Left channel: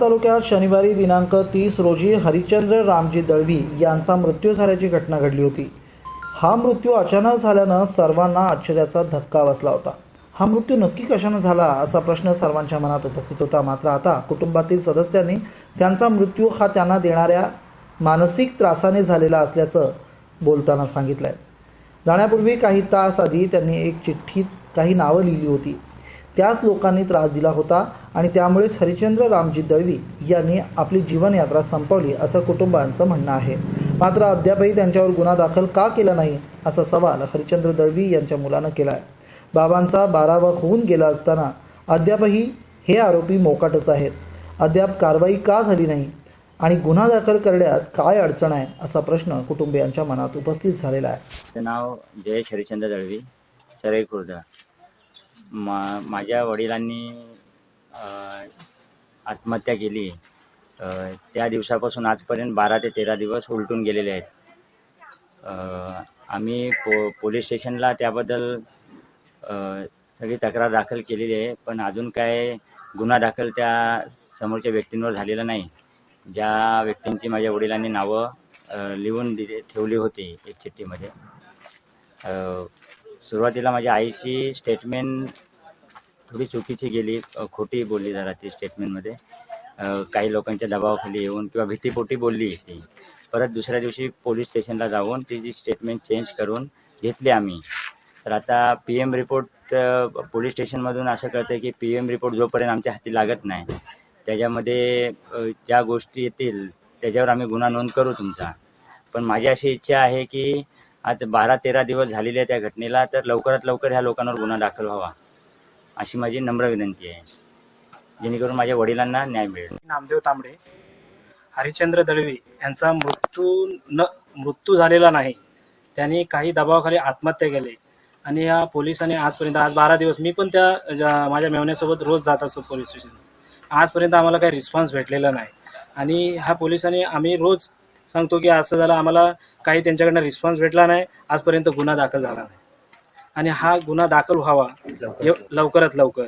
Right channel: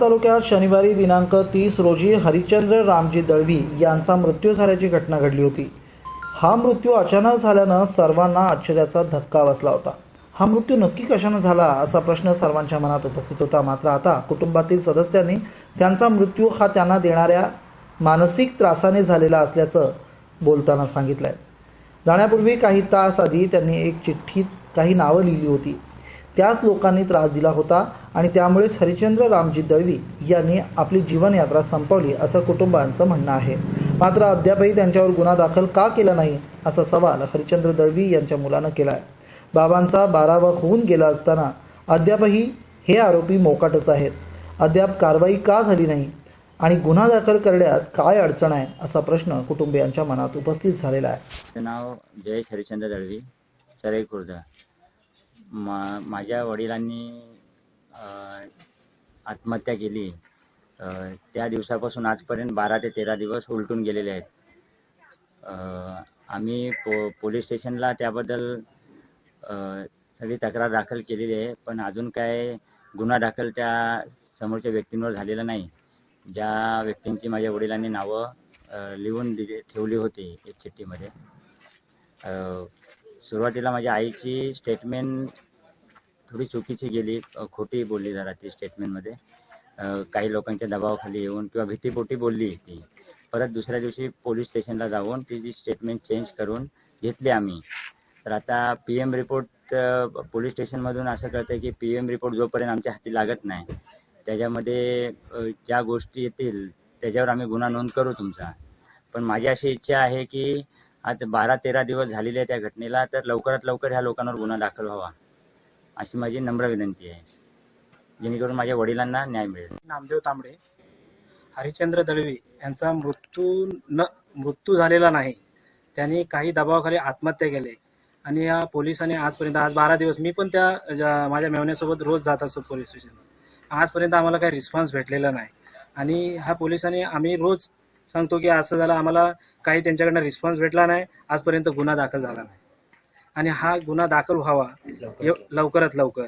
तालुक्यात शनिवारी दिनांक तीस रोजी हरिश्चंद्र रामजी दळवी यांचा मृत्यू झाल्याची घटना घडली होती. हा मृत्यू अचानक झाल्यानं सर्वांना आश्चर्याचा धक्का बसला होता. हा मृत्यू नक्की कशानं झाला असा प्रश्न सर्वांच्या मनात उपस्थित होता. मात्र आता कुटुंबातील सदस्यांनी त्यांचा मृत्यू हा त्यांना देणाऱ्या मानसिक त्रासाने झालेला असल्याचं बोलताना सांगितलंय. जाण्यापूर्वी काही तास आधी त्यांनी एक चिठ्ठीत काही नावं लिहिली होती. त्याच लोकांनी त्रास दिला होता आणि त्यामुळेच हरिचंद्र रामजी दळवी यांनी आपली जीवनयात्रा संपवली असं कुटुंबांचं म्हणणं आहे. मात्र अद्यापही त्यांच्यावर गुन्हा दाखल का केला नाही असा सवाल हरिश्चंद्र दळवी यांच्या मुलानं केला आहे बाबांचा बारावा होऊन गेला असताना अद्यापही हे आरोपी मोकाटच आहेत. अद्याप कारवाई का झाली नाही आणि गुन्हा दाखल करण्यात काय अडचण आहे असा प्रश्न कुटुंबियांच्या मनात उपस्थित झालेला आहे. नाव जयेश हरिचंद्र दळवी सरई मा माझ्या वडिलांनी आत्महत्या केली. त्या दिवसापासून आजपर्यंत बारा ते तेरा दिवस उलटून गेलेले आहेत. आम्ही पो पोलीस स्टेशनला त्याबद्दल सगळी तक्रार दाखल केलेली आहे पण अजून काय गुन्हा दाखल त्या समोरच्या व्यक्तींवर झालेला नाही. ज्या व्यक्तींची माझ्या वडिलांनी नावं लिहून दिली ठेवली होती एक चिठ्ठीमध्ये. सुरुवातीला माझ्या आईची स्टेटमेंट थोडी चुकीची गेली. खोटी बोलली जरा ती स्टेटमेंटमध्ये काही लोकांच्या दबावाखाली येऊन किंवा भीतीपोटी बोलली ती. परत दुसऱ्या दिवशी पोलीस स्टेशनला जाऊन ती जी स्टेटमेंट चेंज करून घेतली आम्ही. तर आता पी एम रिपोर्ट पोलीस स्टेशनमधून असं कळतं की पी एम रिपोर्ट जोपर्यंत आमच्या हाती लागत नाही त्याच्यामध्ये ज्या गोष्टी येतील त्याच्यावर आम्ही गुन्हा नोंद करू तुमचा. पण माझी अशी इच्छा आहे की आज बारा तेरा दिवस झालेले आहे त्या घटनेला तर लवकरात लवकर ह्या लोकांवर गुन्हा दाखल व्हावा अशी माझी नम्र विनंती आहे. जेणेकरून माझ्या वडिलांना न्याय मिळेल. नामदेव तांबडे हरिश्चंद्र दळवी यांचा मृत्यू न मृत्यू झालेला नाही. त्यांनी काही दबावाखाली आत्महत्या केली. आणि या पोलिसांनी आजपर्यंत आज बारा दिवस मी पण त्या माझ्या मेवण्यासोबत रोज जात असतो पोलीस स्टेशन आजपर्यंत आम्हाला काही रिस्पॉन्स भेटलेला नाही. आणि ह्या पोलिसांनी आम्ही रोज सांगतो की असं झालं आम्हाला काही त्यांच्याकडनं रिस्पॉन्स भेटला नाही. आजपर्यंत गुन्हा दाखल झाला नाही. आणि हा गुन्हा दाखल व्हावा लवकरात लवकर.